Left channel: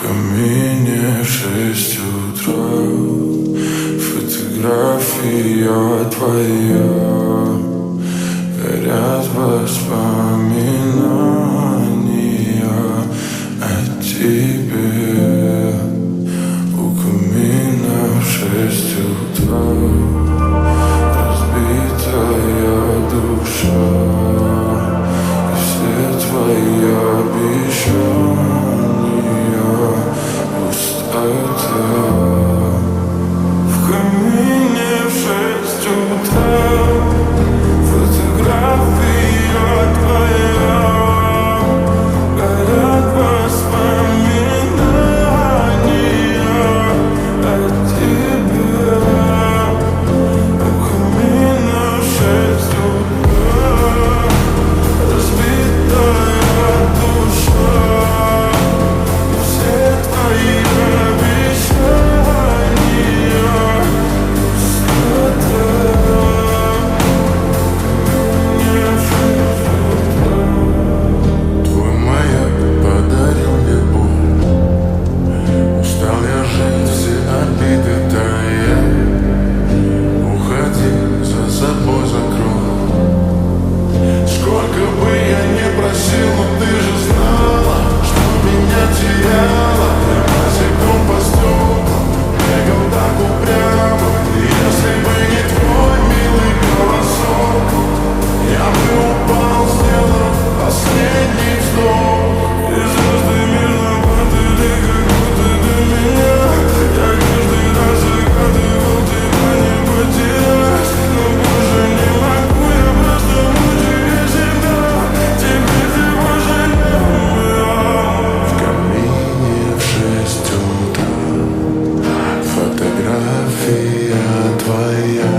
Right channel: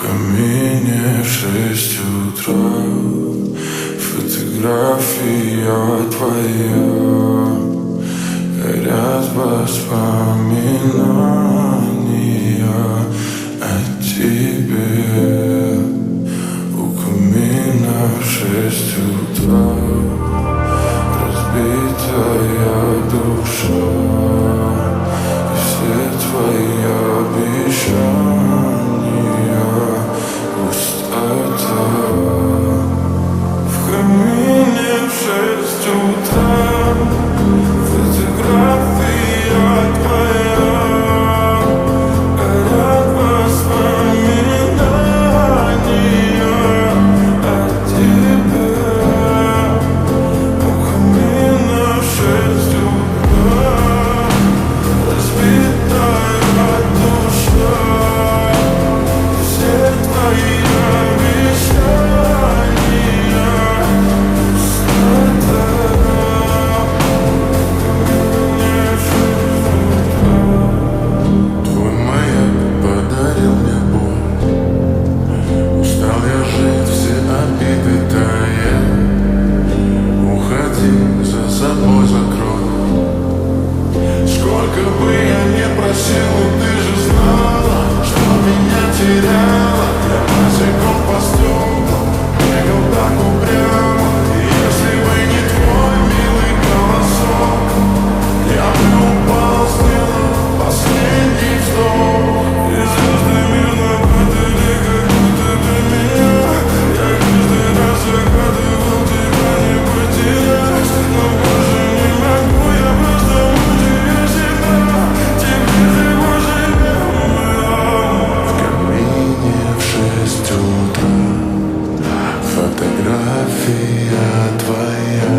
камине в 6 утра. Фотография твоя, горят воспоминания о тебе. У камина в 6 утра, разбитая душа, и все твои обещания пустота. В камине в 6 утра, фотография твоя, горят воспоминания о тебе. У камина в 6 утра, разбитая душа, все твои обещания пустота. В камине в 6 утра. Твой маяк подарил мне боль. Устал я жить, все обиды тая. Уходи, за собой закрой. Сколько бы я не просил, но ты же знала, что меня теряла. Я босиком по стеклам бегал так упрямо. И если бы не твой милый голосок, я бы упал, сделал последний вздох. И звезды мирно падали, как будто до меня. Я каждый раз загадывал тебя не потерять, но больше не могу, я просто мучаю себя. Теперь ты больше не моя. В камине в 6 утра, фотография твоя,